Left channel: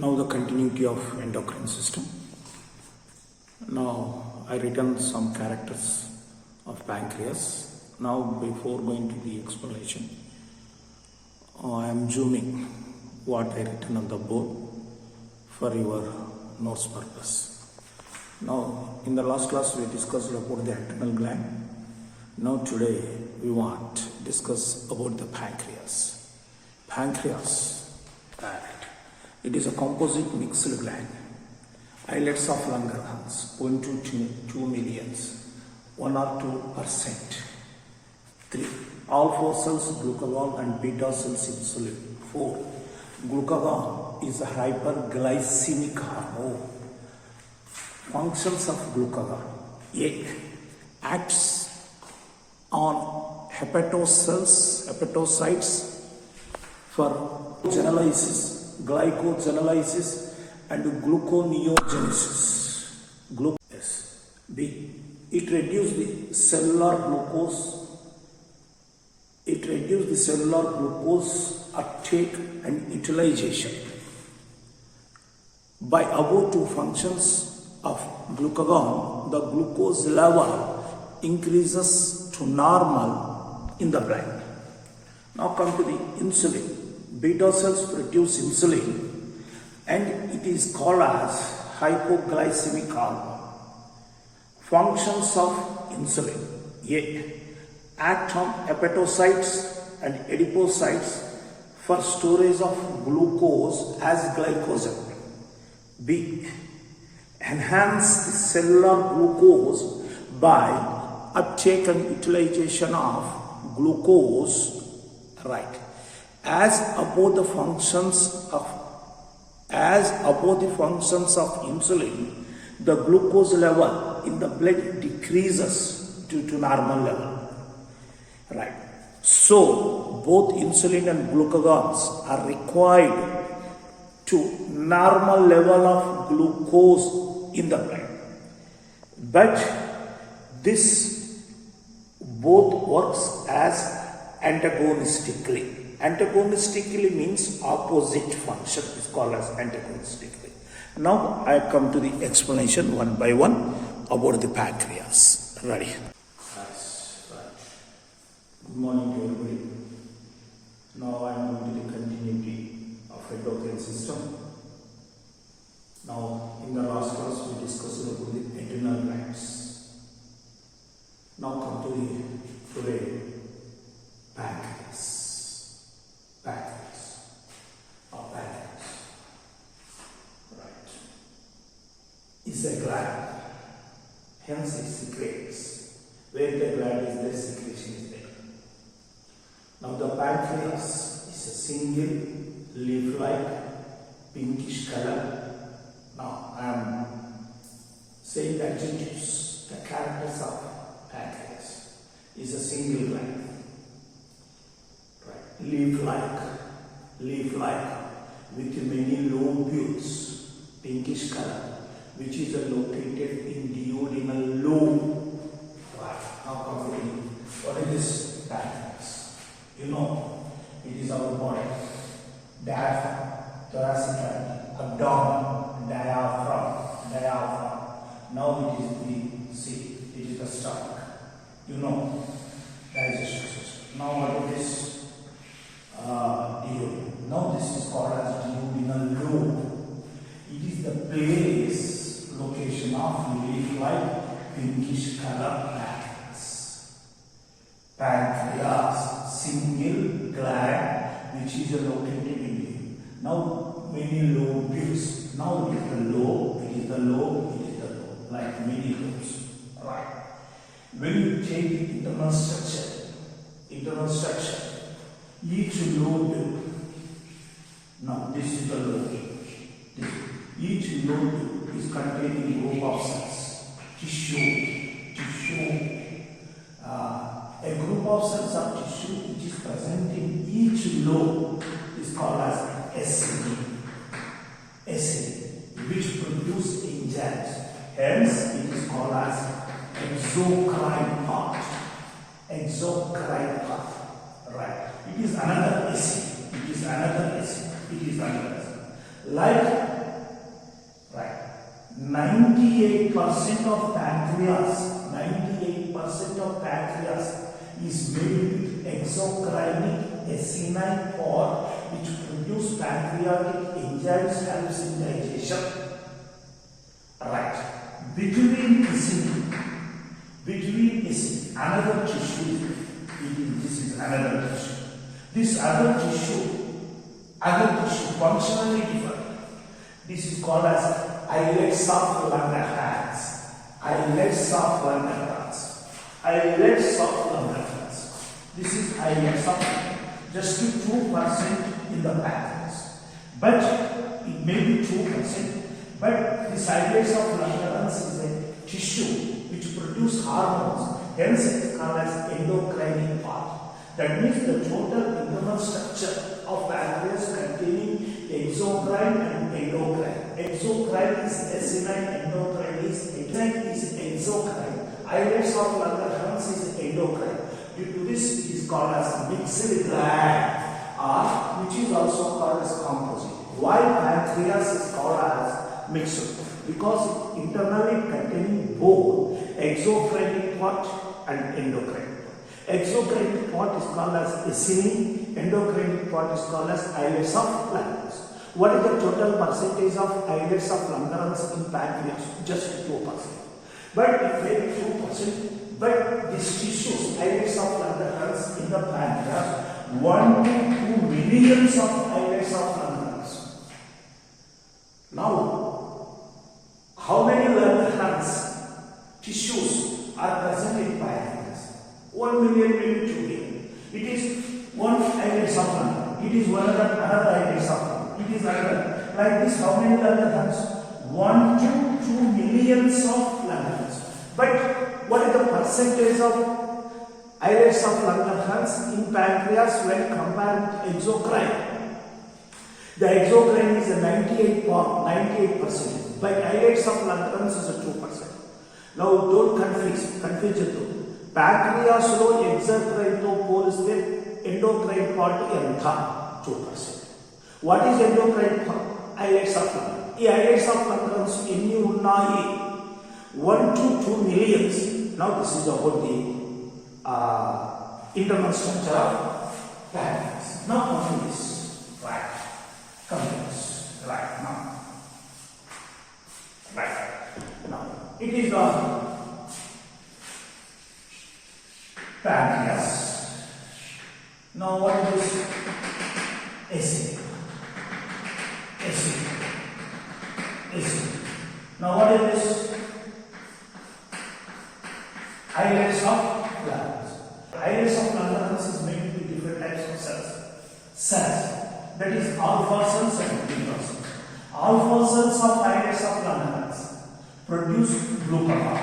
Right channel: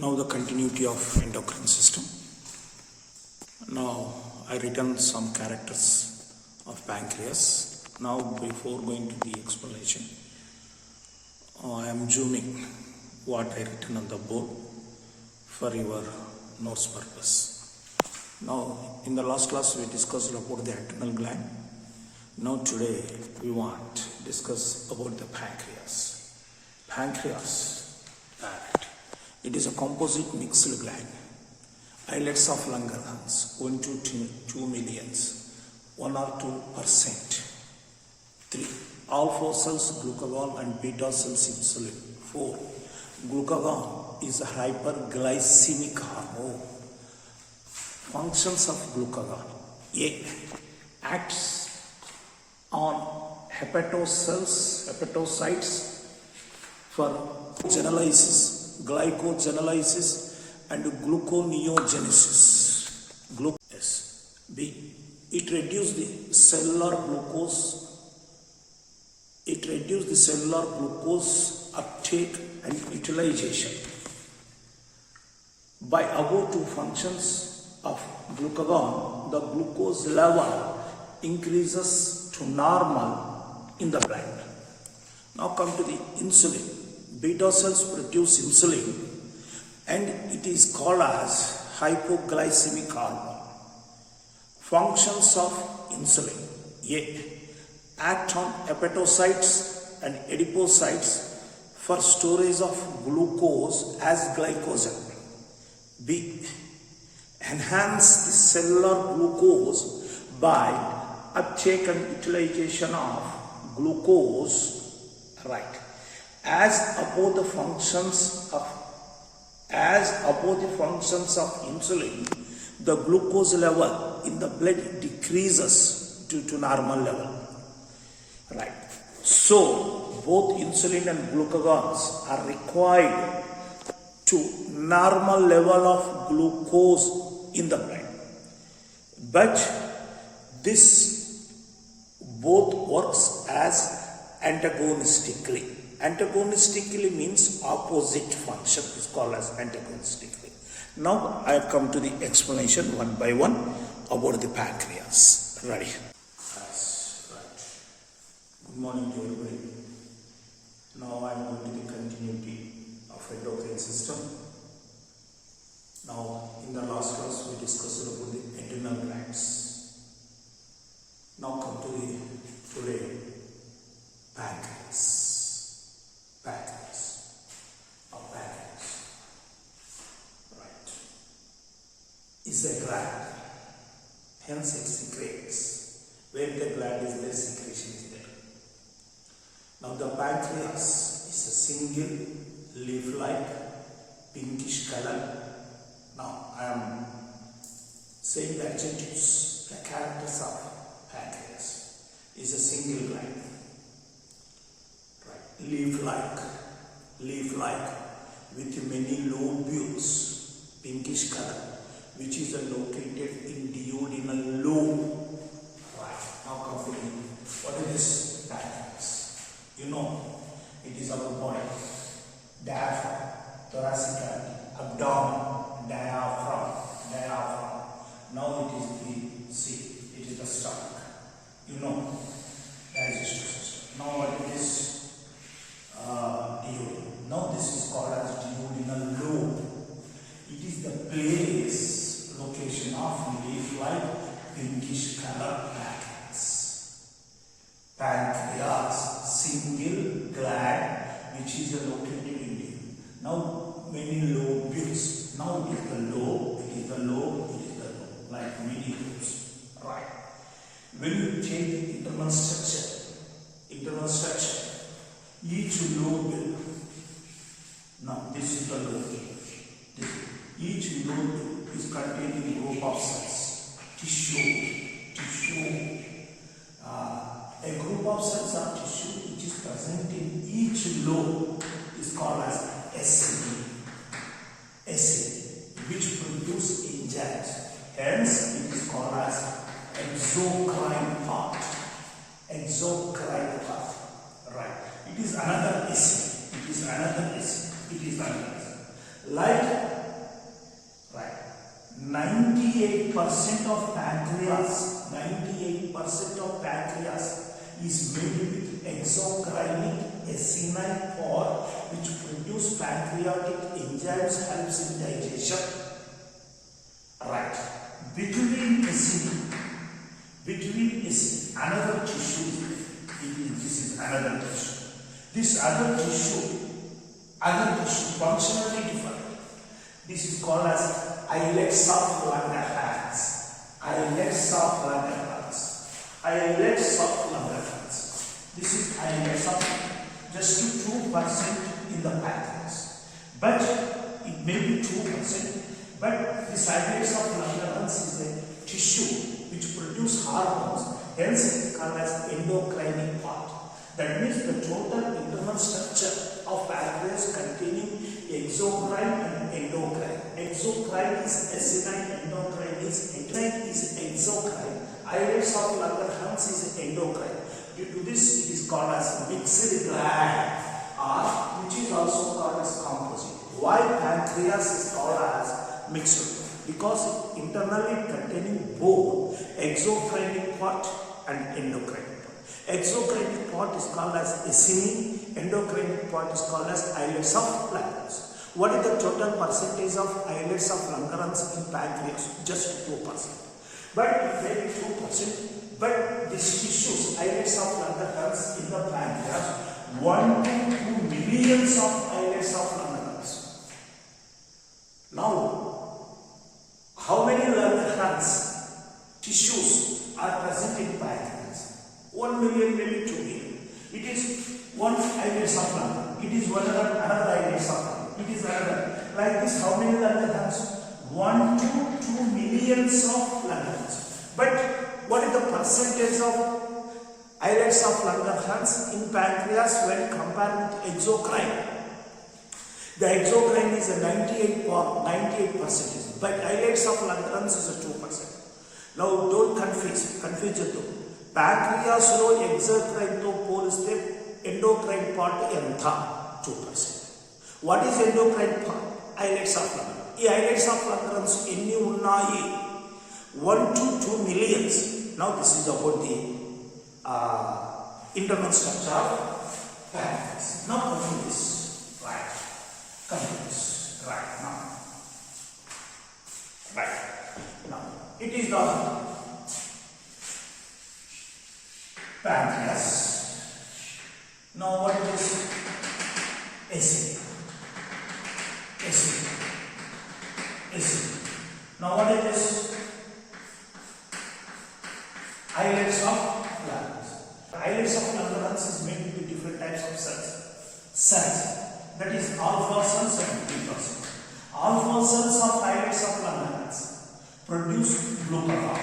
Now the continuity of endocrine system. Now I written some characters of pancreas. Now before going to the explanation, I am zooming what I written on the board for your notes purpose. Now in the last class we discussed about the adrenal gland. Now today we want to discuss about the pancreas. Pancreas, it is a composite mixed gland. Islets of Langerhans, 1 to 2 millions, 1 or 2%. 3. Alpha cells glucagon and beta cells insulin. 4. Glucagon is a hyperglycemic hormone. Functions of glucagon. A. Acts on hepatocytes for glycogenolysis and gluconeogenesis. B. It reduces the cellular glucose uptake and utilization. By above two functions of glucagon, the glucose level increases to normal in the brain. Now come to the insulin. Beta cells produce insulin and it is called as hypoglycemic hormone. Functions of insulin. A. Act on hepatocytes and adipocytes for storage of glucose as glycogen. B. Enhance the cellular glucose by uptake and utilization of glucose, right? As above the functions of insulin, the glucose level in the blood decreases to normal level, right? So both insulin and glucagons are required to normal level of glucose in the blood, but this both works as antagonistically. Antagonistically means opposite function is called as antagonistically. Now I come to the explanation one by one about the pancreas. Ready? That's right. Good morning to everybody. Now I am going to the continuity of endocrine system. Now in the last class we discussed about the adrenal glands. Now come to the today pancreas. Pancreas. Right. Is a gland. Hence it secretes. Where the gland is there, secretion is there. Now the pancreas is a single leaf-like pinkish color. Now I am saying the adjectives, the characters of pancreas is a single gland. Leaf-like with many lobules, pinkish color, which is located in duodenal lobe. Right. Now come to me. What is this pancreas? You know, it is our body. Diaphragm, thoracic cavity, abdomen, diaphragm. Now it is the stomach. You know, digestive system. Now what is this? Duodenum. Now this is called as duodenal lobe. It is the place, location of leaf-like pinkish color pancreas. Pancreas, single gland which is located in you. Now many lobules. Now it is the lobe, like many lobes. Right. When you take the internal structure, each lobe, now this is the lobe. Each lobe is containing a group of cells, tissue. A group of cells of tissue which is present in each lobe is called as acid, which produce enzymes. Hence, it is called as exocrine part. Right. It is another acid. Like 98% of pancreas is made with exocrinic acinine pod which produce pancreatic enzymes helps in digestion. Right. Between another tissue, this is another tissue. This other tissue functionally different. This is called as islets of Langerhans. This is islets of just 2% in the pancreas. But it may be 2%. But this islets of Langerhans is a tissue which produce hormones. Hence, it is called as endocrine part. That means the total internal structure of pancreas containing exocrine and endocrine. Exocrine is acinine, endocrine is exocrine. Islets of Langerhans is endocrine. Due to this, it is called as mixed gland, or which is also called as composite. Why pancreas is called as mixed? Because it internally containing both exocrine part and endocrine. Exocrine part is called as acinine, endocrine part is called as islets of Langerhans. What is the total percentage of islets of Langerhans in pancreas? Just 2%. But it may be 2%. But these tissues, islets of Langerhans in the pancreas, 1 to 2 millions of islets of Langerhans. Now, how many Langerhans tissues are present in pancreas? 1 million, maybe 2 million. It is one islets of Langerhans. It is another islets of Langerhans. It is another. Like this, how many Langerhans? 1 to 2 millions of Langerhans. But what is the percentage of islets of Langerhans in pancreas when compared with exocrine? The exocrine is a 98%, but islets of Langerhans is a 2%. Now don't confuse it. Pancreas lo exocrine to poliste endocrine part enta 2%. What is endocrine part? Islets of Langerhans. Ee islets of Langerhans enni unnayi? 1 to 2 millions. Now this is about the internal structure of pancreas. Now come to this. Right. Come to this. Right now. Right. Now it is the pancreas. Now what is this? Acid. Now what is this? Islets of Langerhans. Islets of Langerhans is made with different types of cells. That is alpha cells and beta cells. Alpha cells of islets of Langerhans produce glucagon.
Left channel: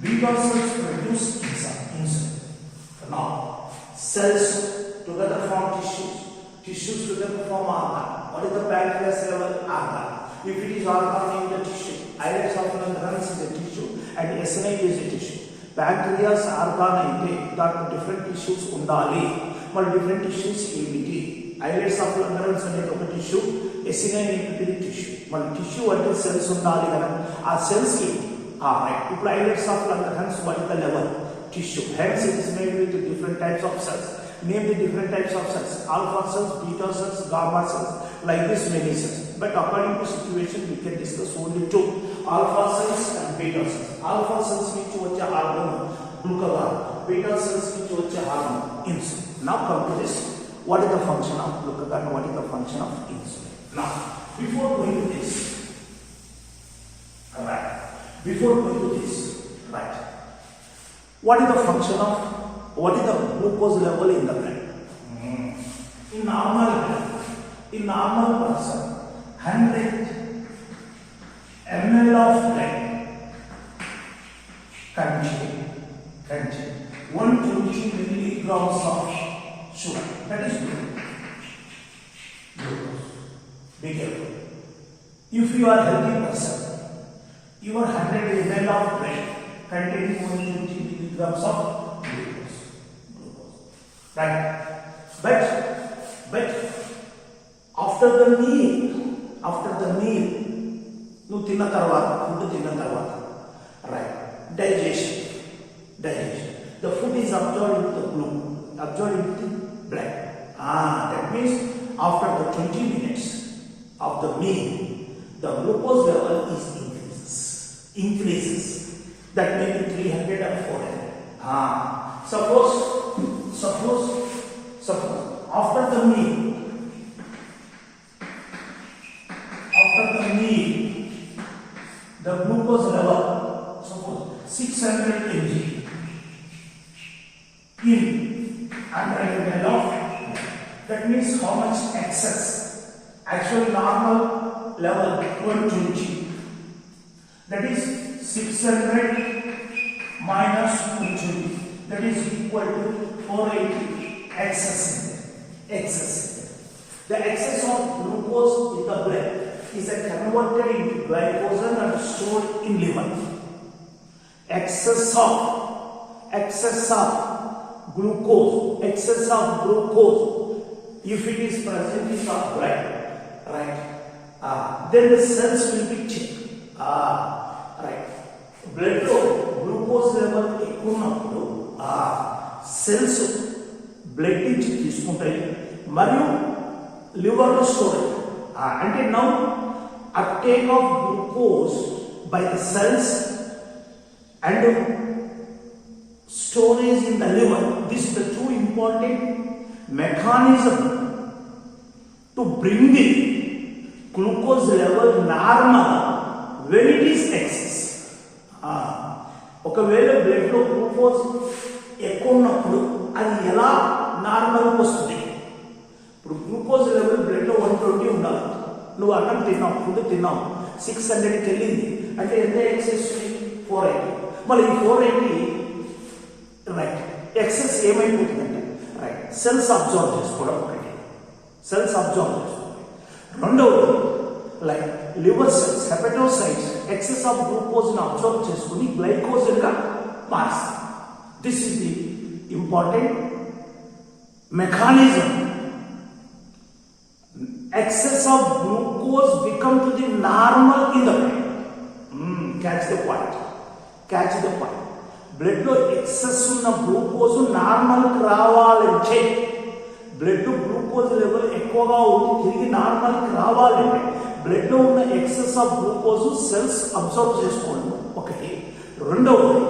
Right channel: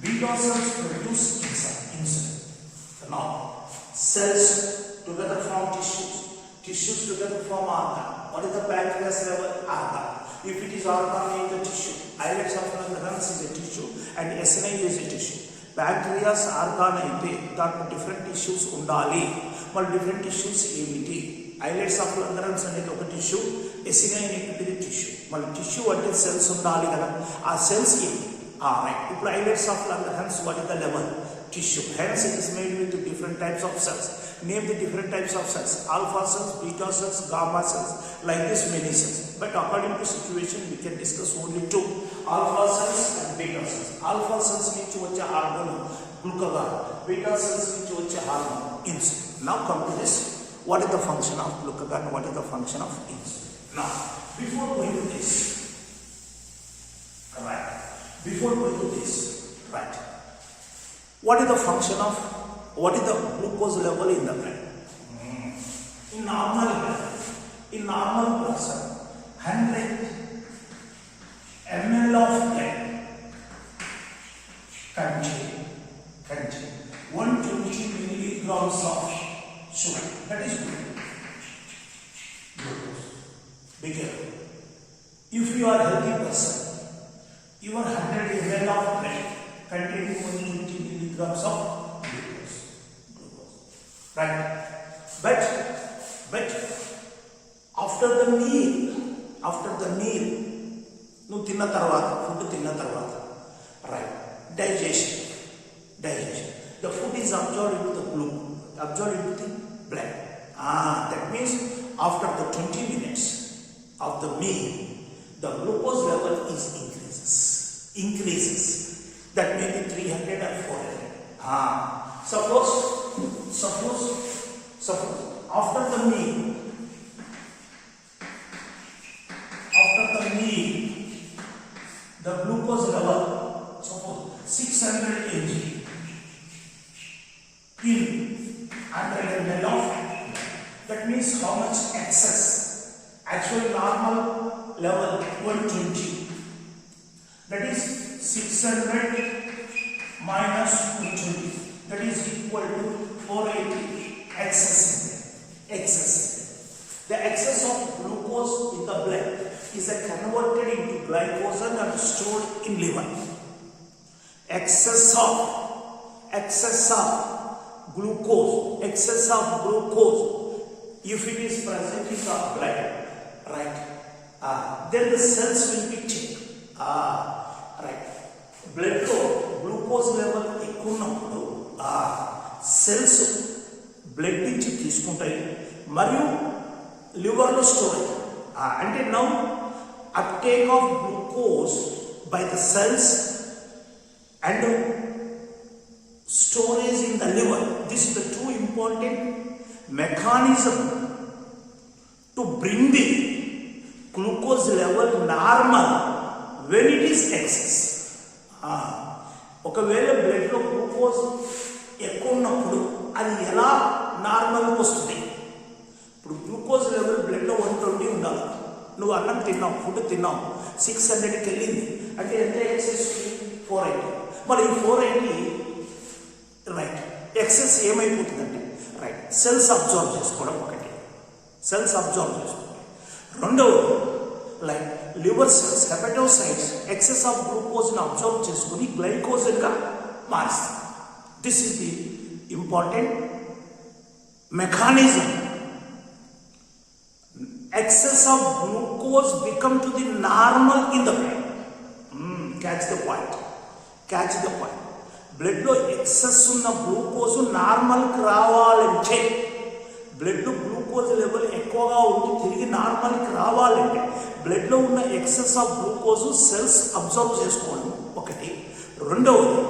Beta cells produce insulin. Now, cells together form tissues. Tissues together form organ. What is the pancreas level? Organ. If it is organ in the tissue, islets of Langerhans is a tissue and acinine is a tissue. Pancreas organ aite that different tissues undali. But different tissues ఏమిటి? Islets of Langerhans అనేది ఒక tissue, acinine అనేది tissue. మన tissue అంటే cells ఉండాలి కదా. ఆ cells ఏమిటి? Right. If islets of Langerhans, what is the level? Tissue. Hence it is made with different types of cells. Name the different types of cells. Alpha cells, beta cells, gamma cells. Like this many cells. But according to situation we can discuss only two. Alpha cells and beta cells. Alpha cells which వచ్చే hormone glucagon. Beta cells which వచ్చే hormone insulin. Now come to this. What is the function of glucagon? What is the function of insulin? Now before going to this, alright. Before going to this, right? What is the function of? What is the glucose level in the blood? In normal person, 100 ml of blood contain 120 milligrams of sugar. That is glucose. Be careful. If you are a healthy person, your 100 ml of blood containing 120 milligrams of glucose. Right? But after the meal, నువ్వు తిన్న తర్వాత food తిన్న తర్వాత right digestion the food is absorbed into the blood. That means after the 20 minutes of the meal the glucose level is increases. That may be 300 or 400. Suppose after the meal the glucose level suppose 600 mg in 100 ml of, that means how much excess? Actual normal level 120, that is 600 minus 220, that is equal to 480. Excess. The excess of glucose in the blood is converted into glycogen and stored in liver. Excess of glucose, if it is present in the blood, right? Then the cells will be checked. Right. Blood glucose level ఎక్కున్నప్పుడు cells blood నుంచి తీసుకుంటాయి మరియు liver లో store అంటే now uptake of glucose by the cells and storage in the liver. This is the two important mechanism to bring the glucose level normal when it is excess. ఒకవేళ blood లో glucose ఎక్కువ ఉన్నప్పుడు అది ఎలా normal వస్తుంది? ఇప్పుడు glucose level blood లో 120 ఉండాలి. నువ్వు అన్నం తిన్నావు, ఫుడ్ తిన్నావు, 600కి వెళ్ళింది అంటే ఎంత ఎక్సెస్? 480. మరి ఈ 480 రైట్ ఎక్సెస్ ఏమైపోతుందంటే రైట్ సెల్స్ అబ్జర్వ్ చేసుకోవడం ఒకటి, రెండవది like liver cells hepatocytes excess of glucose ని అబ్జర్వ్ చేసుకుని గ్లైకోజన్ గా మారుస్తాయి. This is the important mechanism. Excess of glucose become to the normal in the brain. Catch the point. Blood లో excess ఉన్న glucose normal కి రావాలంటే blood glucose level ఎక్కువగా ఉండి తిరిగి నార్మల్ కి రావాలంటే బ్లడ్ లో ఉన్న excess of glucose cells observe చేసుకోవడం ఒకటి. రెండవది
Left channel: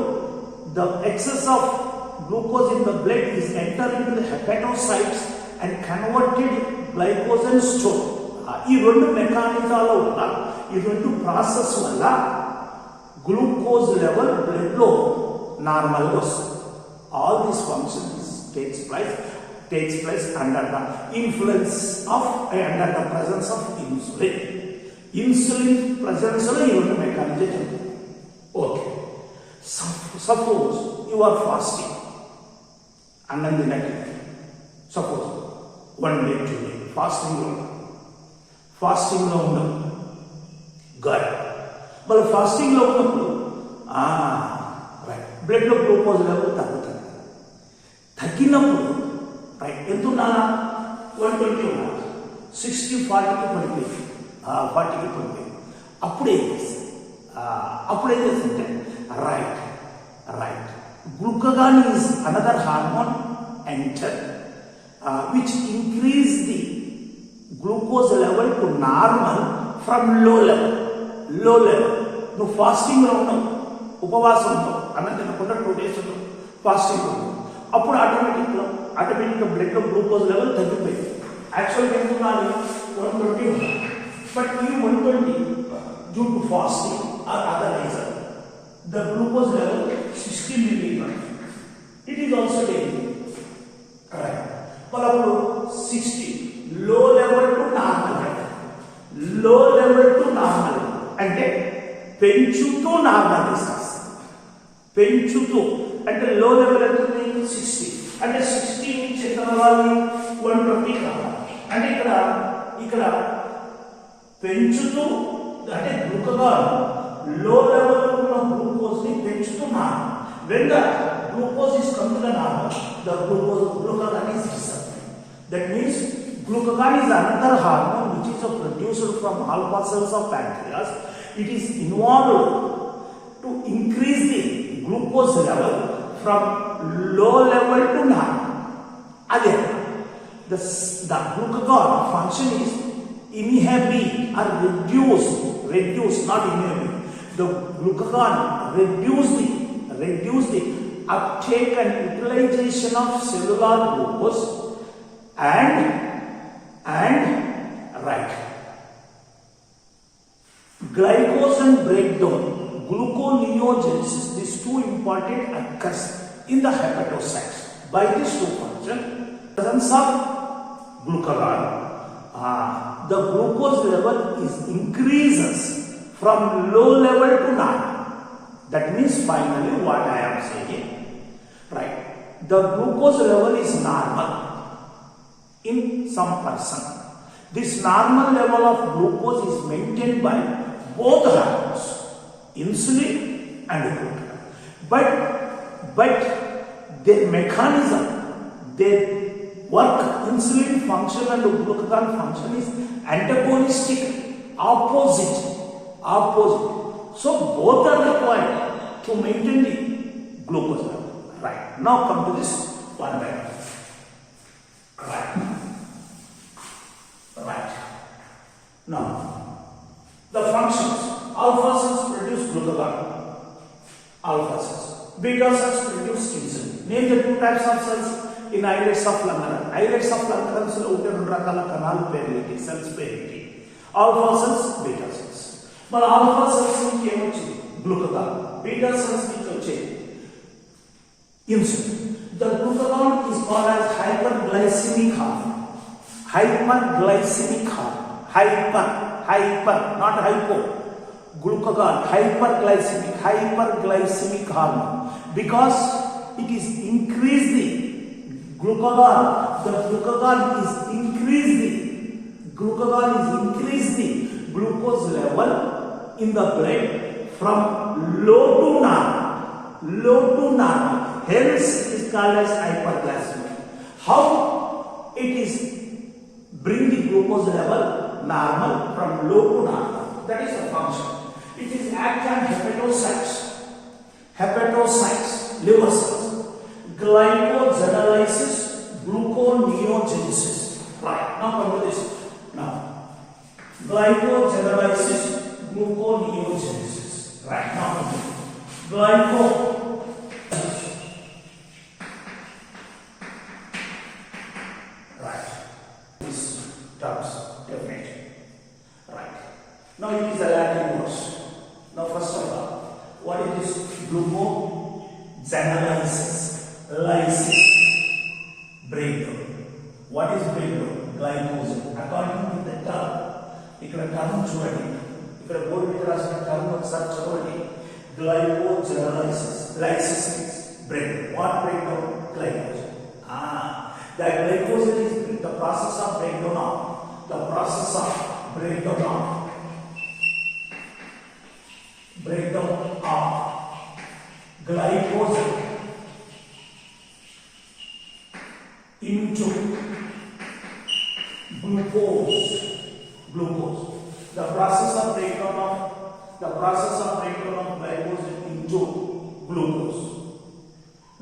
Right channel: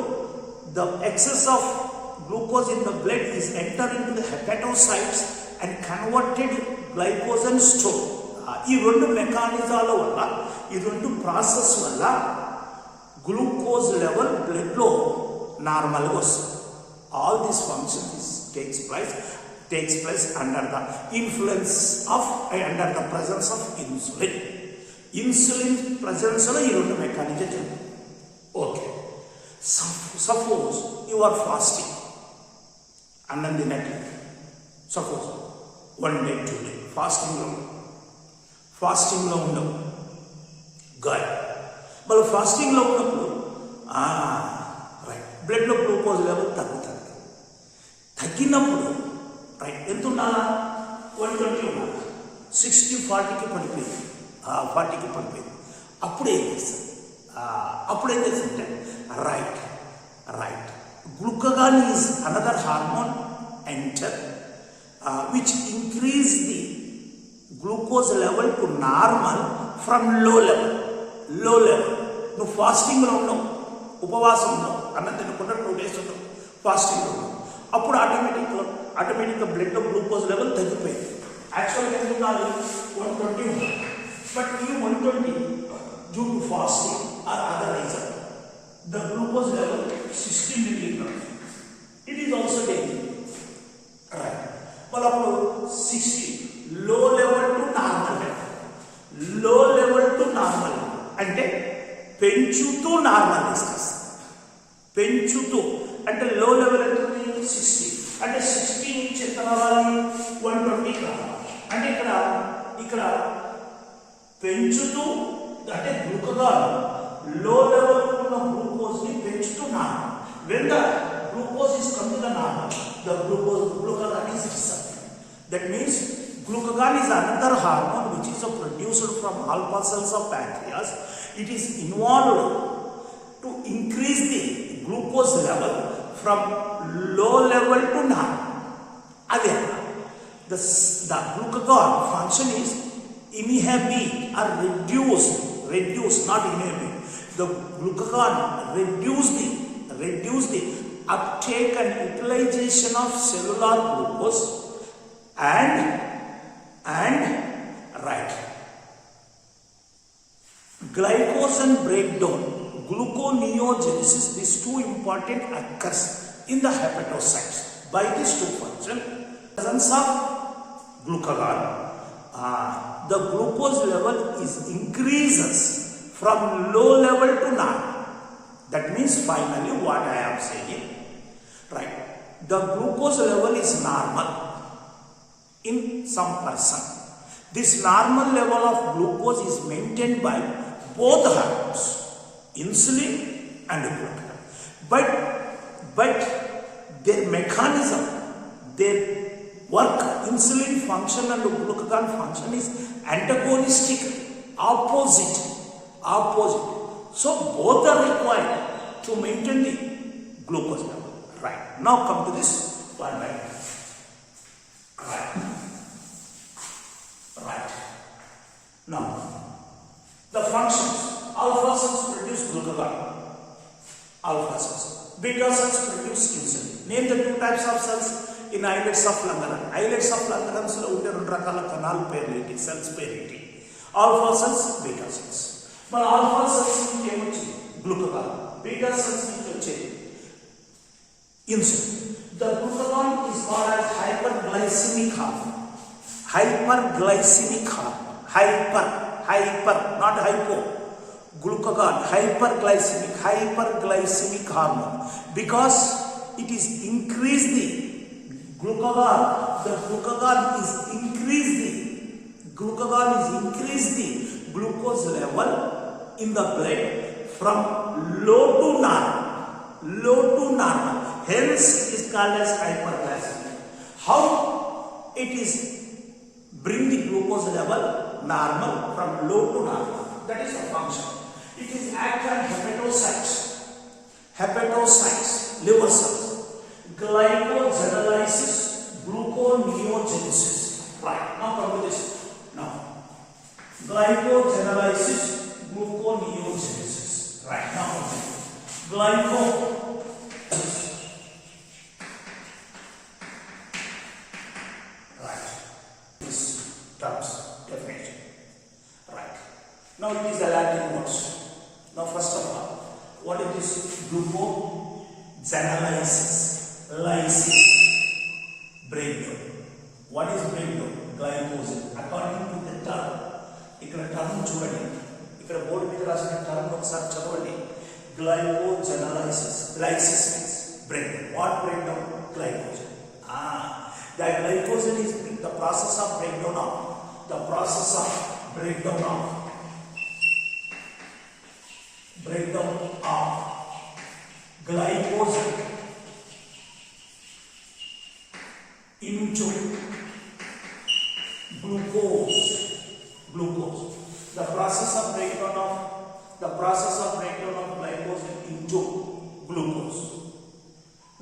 the excess of glucose in the blood is entered into the hepatocytes and converted glycogen store. ఈ రెండు మెకానిజాల వల్ల ఈ రెండు ప్రాసెస్ వల్ల గ్లూకోజ్ లెవెల్ బ్లడ్ లో నార్మల్ గా వస్తుంది. All these functions takes place under the influence of under the presence of insulin presence లో ఈ రెండు మెకానిజం జరుగుతుంది. Okay, suppose you are fasting అన్నం తినట్లేదు. సపోజ్ 1 day 2 day ఫాస్టింగ్లో ఉండదు గాడ్. మళ్ళీ ఫాస్టింగ్లో ఉన్నప్పుడు రైట్ బ్లడ్లో గ్లూకోజ్ లెవెల్ తగ్గినప్పుడు రైట్ ఎంత ఉండాలా? 120 ఉండాలి. 60 40కి పడిపోయింది. అప్పుడు ఏం చేస్తుంది? Right glucagon is another hormone enter which increase the glucose level to normal from low level. నువ్వు ఫాస్టింగ్ లో ఉన్నావు, ఉపవాసం ఉన్నావు, అన్నం తినకుండా 2 days ఉన్నావు, ఫాస్టింగ్ ఉన్నావు. అప్పుడు ఆటోమేటిక్గా బ్లడ్ లో గ్లూకోజ్ లెవెల్ తగ్గిపోయింది. యాక్చువల్గా ఎంత ఉండాలి? 120 ఉండాలి. బట్ ఈ 120 due to fasting are other reason the glucose level 60 milligram. It is also dangerous. Right. But up to 60 low level to normal. అంటే పెంచుతూ నార్మల్ తీసుకొస్తుంది. అంటే లో లెవెల్ అంటే 60 అంటే 60 నుంచి ఎంత రావాలి? 120 కావాలి. అంటే ఇక్కడ పెంచుతూ అంటే గ్లూకాగాన్ low level ఉన్న glucose ని పెంచుతున్నాను. When the glucose is coming to normal, the glucagon is disappearing. That means Glucagon is another hormone which is produced from alpha cells of pancreas. It is involved to increase the glucose level from low level to normal. Again, the glucagon function is inhibit or reduce, not inhibit. The glucagon reduce the uptake and utilization of cellular glucose and glycogen breakdown, gluconeogenesis, these two important occurs in the hepatocytes. By these two functions, presence of glucagon, the glucose level is increases from low level to normal. That means finally what I am saying, right? The glucose level is normal in some person. This normal level of glucose is maintained by both hormones, insulin and glucagon. But their mechanism, their work, insulin function and glucagon function is antagonistic, opposite. So both are required to maintain the glucose level. Right. Now come to this one by one. Right. Now, the functions. Alpha cells produce glucagon. Alpha cells. Beta cells produce insulin. Name the two types of cells in islets of Langerhans. Islets of Langerhans lo unte rendu rakala kanalu periti, cells periti. Alpha cells, beta cells. But alpha cells ki emochindi glucagon. Beta cells ki vachedi insulin. The glucagon is called as hyperglycemic hormone. Hyperglycemic hormone. Hyper, not hypo. Glucagon, hyperglycemic hormone. Because it is increase the glucagon. The glucagon is increase the glucose level in the blood from low to normal. Hence it is called as hyperglycemic. How it is bring the glucose level normal from low to normal? That is the function. It is act on hepatocytes, liver cells, glycogenolysis, gluconeogenesis. Right. Now come to this. Now, glycogenolysis, gluconeogenesis. Right. Now Now it is the Latin words. Now first of all, what it is? Glucogenolysis, breakdown. What is breakdown? Glycogen. According to the term, ikkada term chudandi. Ikkada board మీద రాసిన term ఒకసారి చదవండి. Glycogenolysis. Lysis means breakdown. What breakdown? Glycogen. That glycogen is the process of breakdown of glycogen into glucose. The process of breakdown of glycogen into glucose,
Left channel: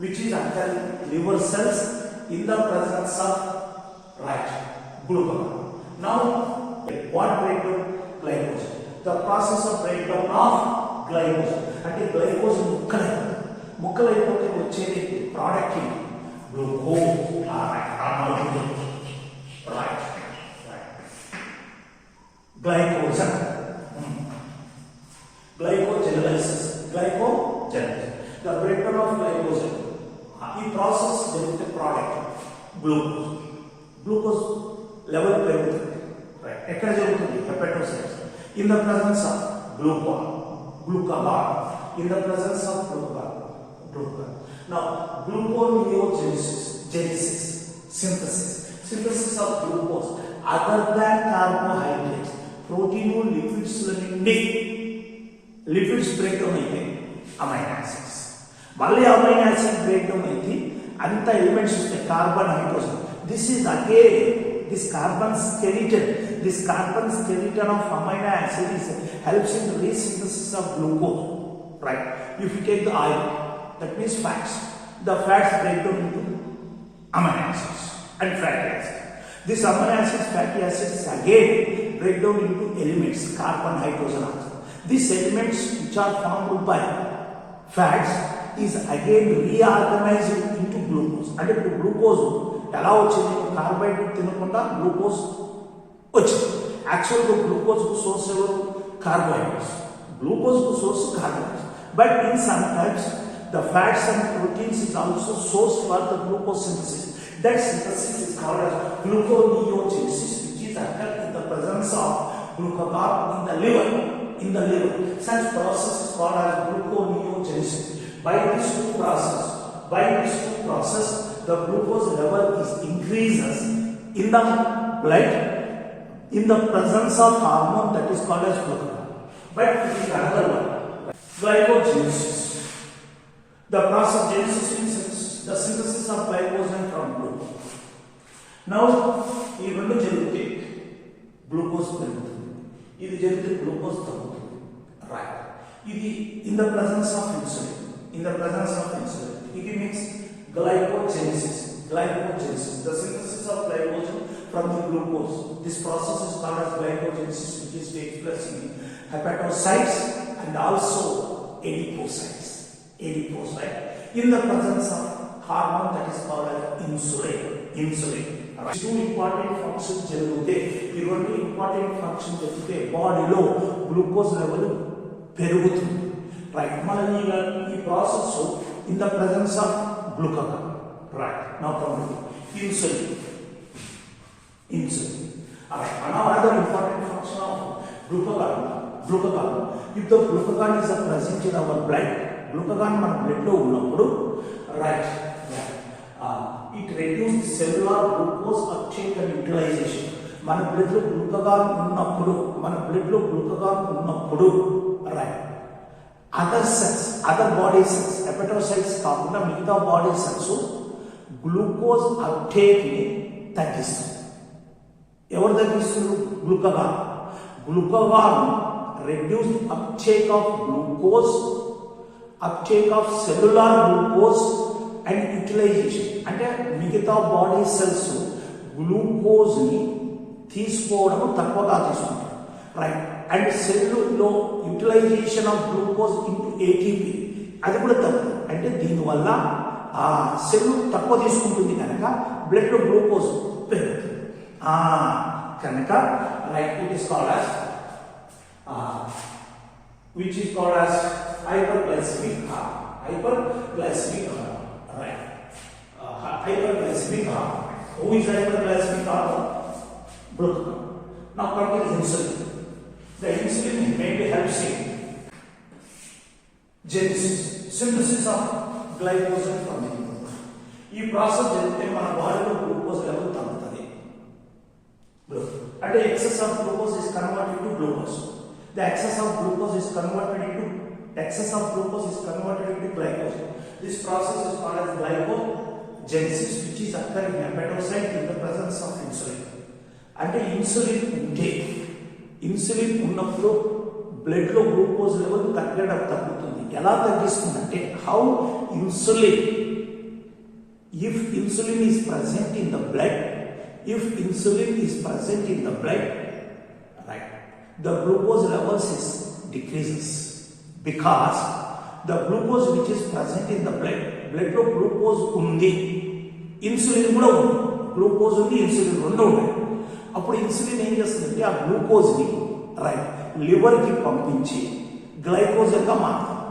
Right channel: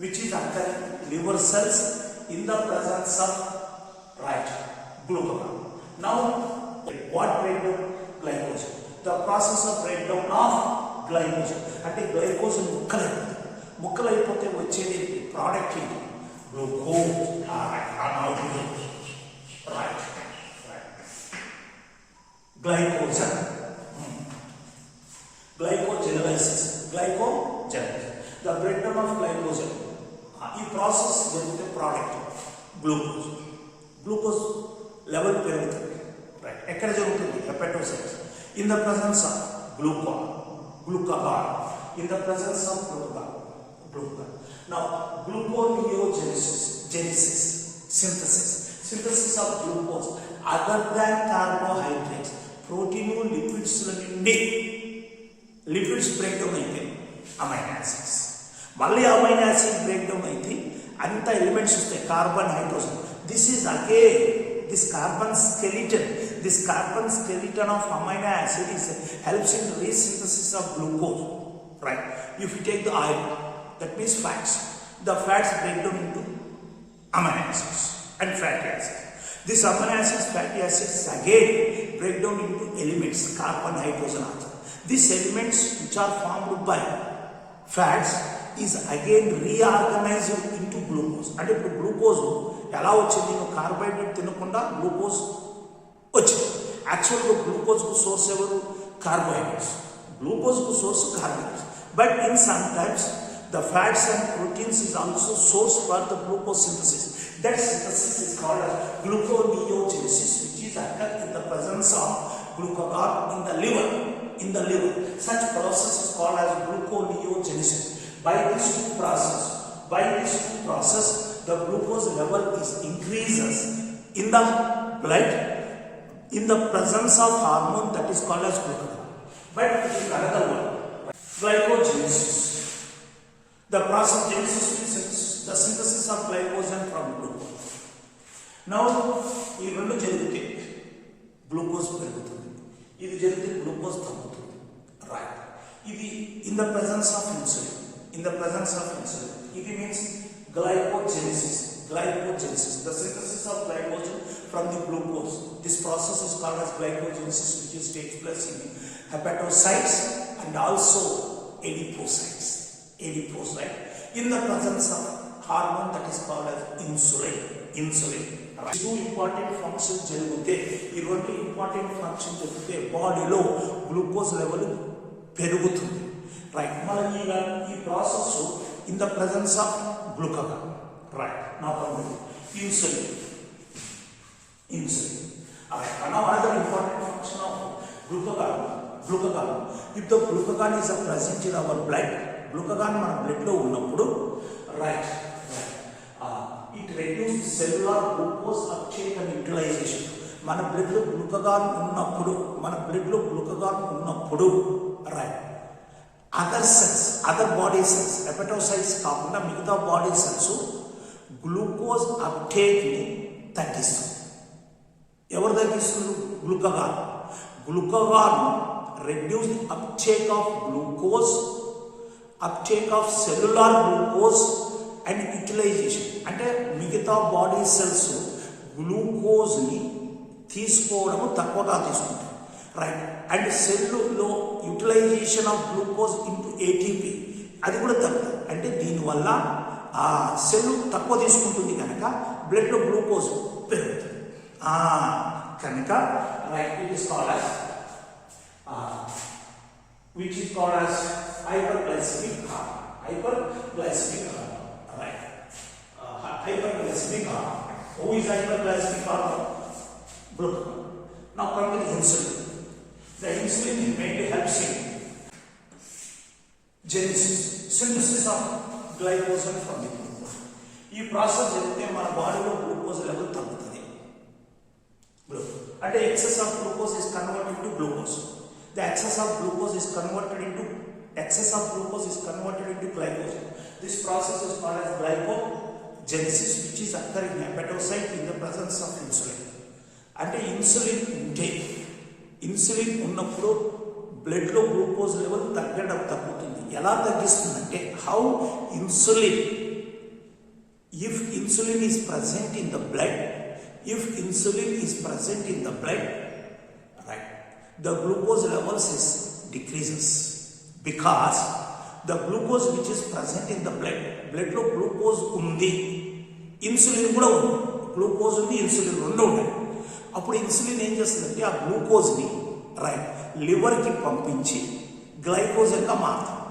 which is occurring liver cells in the presence of glucagon. Now, what breakdown? Glycogen. The process of breakdown of glycogen. అంటే glycogen ముక్కలైపోతే వచ్చేది product glucose. Glycogen. Glycogenolysis. The breakdown of glycogen. ఈ process జరిగితే product glucose level పెరుగుతుంది. Right. ఎక్కడ జరుగుతుంది? Hepatocytes. In the presence of glucagon. In the presence of glucagon. Now, gluconeogenesis, synthesis of glucose. Other than carbohydrates, protein, lipids, lipids breakdown అయితే amino acids. మళ్ళీ amino acid breakdown అయితే అంత elements వస్తాయి, carbon, hydrogen. This is again this carbon skeleton of amino acid helps in resynthesis of glucose, right? If you take the oil, that means fats. The fats break down into amino acids and fatty acids. These amino acids, fatty acids again break down into elements, carbon, hydrogen, oxygen. These elements which are formed by fats is again reorganized into glucose. And if glucose ఎలా వచ్చింది carbohydrate తినకుండా glucose వచ్చింది. యాక్చువల్గా గ్లూకోజ్కు source ఎవరు? Carbohydrates. గ్లూకోజ్కు source carbohydrates. But in some times the fats and proteins is also source for the glucose synthesis. That synthesis is called as gluconeogenesis, which is occurred in the presence of glucagon in the liver. Such process is called as gluconeogenesis. By this process, the glucose level is increases in the blood in the presence of hormone that is called as glucagon. But it is another one, glycogenesis. The process genesis means the synthesis of glycogen from glucose. Now, ఈ రెండు జరిగితే glucose పెరుగుతుంది, ఇది జరిగితే glucose తగ్గుతుంది, right? ఇది in the presence of insulin. It means glycogenesis. The synthesis of glycogen from the glucose. This process is called as glycogenesis, which takes place in the hepatocytes and also adipocytes. In the presence of hormone that is called as insulin. Two important functions జరిగితే, ఈ రెండు important function జరిగితే బాడీలో glucose level పెరుగుతుంది, right? మన ఈ process in the presence of glucagon, right? Now come to insulin. Alright, now another important function of glucagon. If the glucagon is present in our blood, glucagon మన blood లో ఉన్నప్పుడు, right, it reduces cellular glucose uptake and utilization. మన blood లో glucagon ఉన్నప్పుడు, right, other body cells, hepatocytes కాకుండా మిగతా body cells glucose uptake ని తగ్గిస్తుంది. ఎవరు తగ్గిస్తుంది? Glucagon reduced uptake of cellular glucose and utilization. అంటే మిగతా బాడీ సెల్స్ గ్లూకోజ్ ని తీసుకోవడం తక్కువగా తీసుకుంటారు, రైట్? అండ్ సెల్లులో utilization of glucose into ATP అది కూడా తక్కువ. అంటే దీనివల్ల ఆ సెల్ తక్కువ తీసుకుంటుంది కనుక బ్లడ్ లో గ్లూకోజ్ పెరుగుతుంది కనుక, right? It is called as which is called as hyperglycemic hormone, right? Hyperglycemic hormone. Who is hyperglycemic hormone? Glucagon. Now come to the insulin. The insulin mainly helps in synthesis of glycogen from the glucose. ఈ process జరిగితే మన బాడీలో glucose level తగ్గుతుంది. అంటే excess of glucose is converted to glucose. The excess of glucose is converted into glycogen. This process is called as glycogenesis, which is occurring in hepatocyte in the presence of insulin. అంటే insulin ఉన్నప్పుడు blood లో glucose level తగ్గుతుంది. ఎలా తగ్గిస్తుందంటే, how insulin, if insulin is present in the blood, right, the glucose levels is decreases, because the glucose which is present in the blood లో glucose ఉంది, insulin కూడా ఉంది. గ్లూకోజ్ ఉంది, ఇన్సులిన్ రెండు ఉన్నాయి. అప్పుడు ఇన్సులిన్ ఏం చేస్తుందంటే ఆ గ్లూకోజ్ని, రైట్, లివర్కి పంపించి గ్లైకోజన్గా మారుతుంది.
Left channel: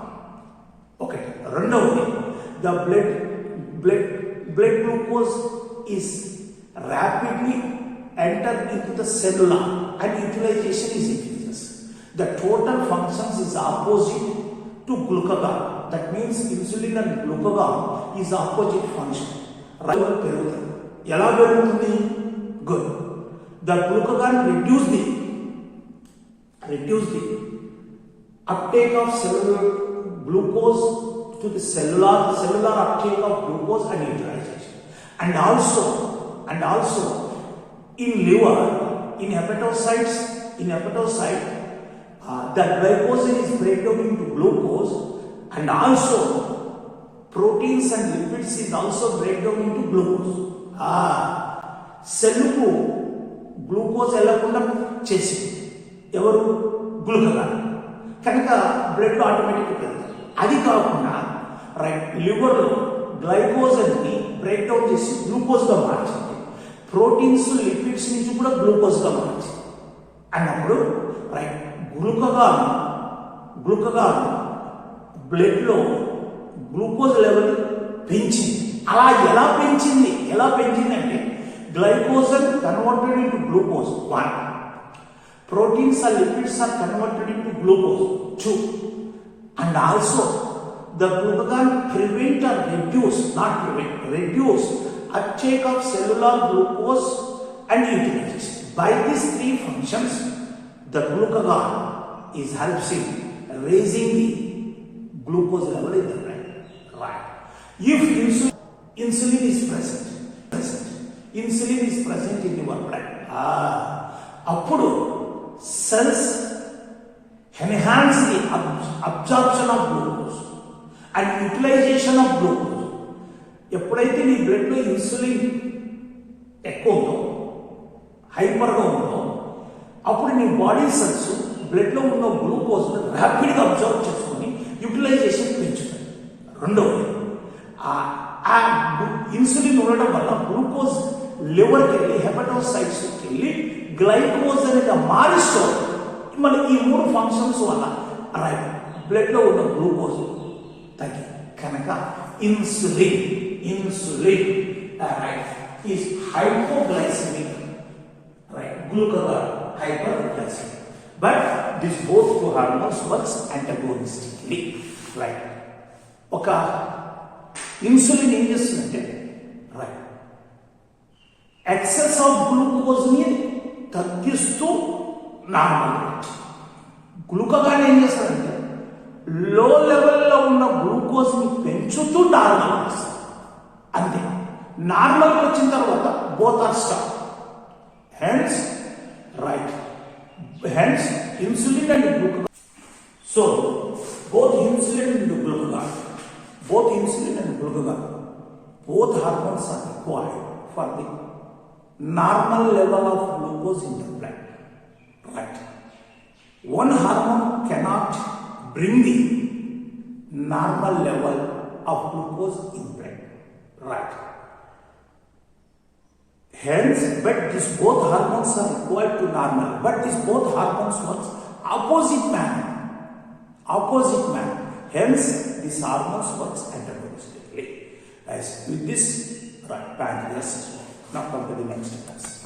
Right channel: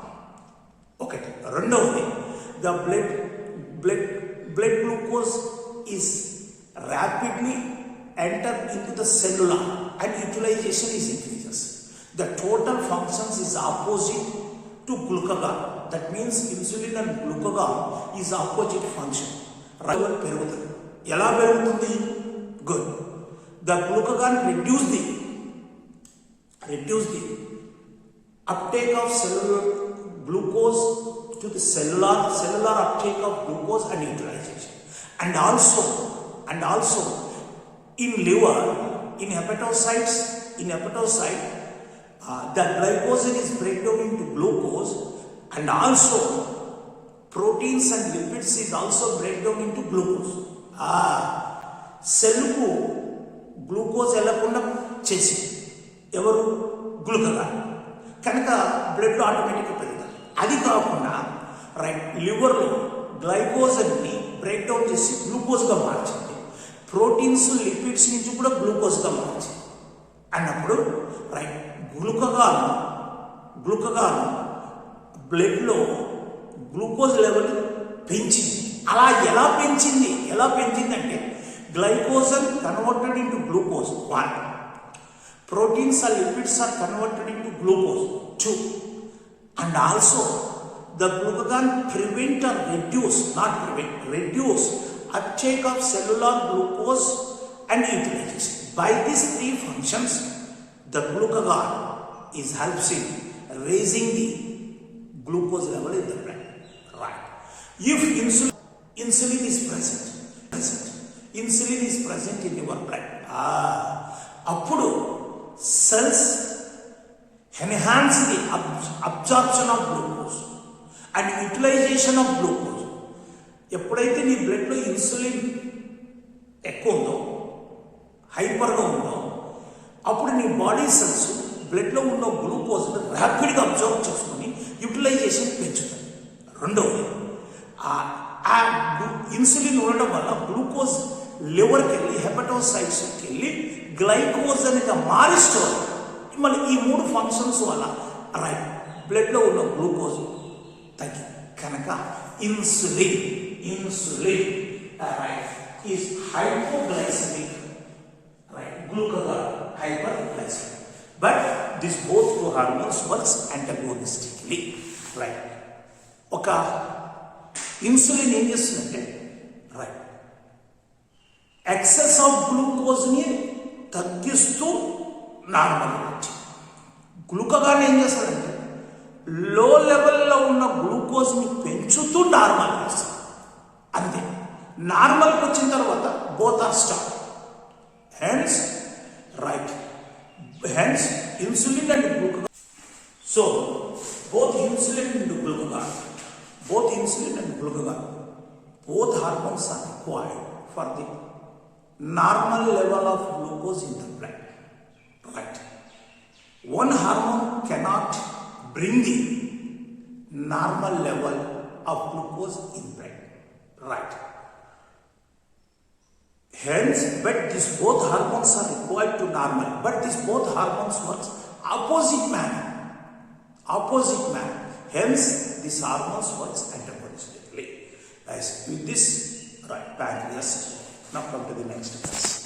ఒకటి. రెండవది, the blood glucose is rapidly enter into the cellular and utilization is increases. The total functions is opposite to glucagon. That means insulin and glucagon is opposite function. Level పెరుగుతుంది. ఎలా పెరుగుతుంది? Good. The glucagon reduce the uptake of cellular glucose to the cellular uptake of glucose and utilization. And also in liver, in hepatocyte, the glycogen is breakdown into glucose, and also proteins and lipids is also breakdown into glucose. సెల్కు glucose వెళ్ళకుండా చేసింది ఎవరు? Glucagon. కనుక blood ఆటోమేటిక్గా పెరుగుతుంది. అది కాకుండా right లివర్లో గ్లైకోజన్ని breakdown చేసి గ్లూకోజ్గా మార్చింది. ప్రోటీన్స్ లిపిడ్స్ నుంచి కూడా గ్లూకోజ్గా మార్చింది అన్నప్పుడు రైట్ గ్లూకగాన్ బ్లడ్లో గ్లూకోజ్ లెవెల్ పెంచింది. అలా ఎలా పెంచింది అంటే glycogen converted into glucose 1, proteins or lipids are converted into glucose 2, and also the glucagon prevent or reduce uptake of cellular glucose and utilization. By these 3 functions, the glucagon is helps in raising the glucose level in the blood. Right. If insulin is present in your blood, appudu cells enhance the absorption of glucose and utilization of glucose. ఎప్పుడైతే నీ బ్లడ్లో insulin ఎక్కువ ఉందో, హైపర్గా ఉందో, అప్పుడు నీ body cells బ్లడ్లో ఉన్న గ్లూకోజ్ ర్యాపిడ్గా అబ్జర్వ్ చేసుకుని యూటిలైజేషన్ పెంచుతుంది. రెండవది ఆ ఇన్సులిన్ ఉండడం వల్ల గ్లూకోజ్ లివర్కి వెళ్ళి హెపటోసైట్స్కి వెళ్ళి గ్లైకోజ్ అనేది మారిస్తారు. మళ్ళీ ఈ 3 ఫంక్షన్స్ వల్ల రైట్ బ్లడ్లో ఉన్న గ్లూకోజ్ తగ్గి కనుక insulin right is hypoglycaemic, right glucagon hyperglycaemic. But this both 2 hormones works antagonistically. Right ఒక ఇన్సులిన్ ఏం చేస్తుందంటే రైట్ ఎక్సెస్ ఆఫ్ గ్లూకోజ్ని తగ్గిస్తూ నార్మల్ గ్లూకగాన్ ఏం చేస్తారంటే లో లెవెల్లో ఉన్న గ్లూకోజ్ని పెంచుతూ నార్మల్ చేస్తారు. అంతే. నార్మల్కి వచ్చిన తర్వాత both are stop. Hence insulin and glucagon. So both insulin and glucagon, both hormones are required for the normal level of glucose in the blood. Right. One hormone cannot bring the normal level of glucose in blood. Right. Hence, but these both hormones are required to normal, but these both hormones works opposite manner. Hence, this hormones works antagonistically. As with this, right, pancreas. Now come to the next class.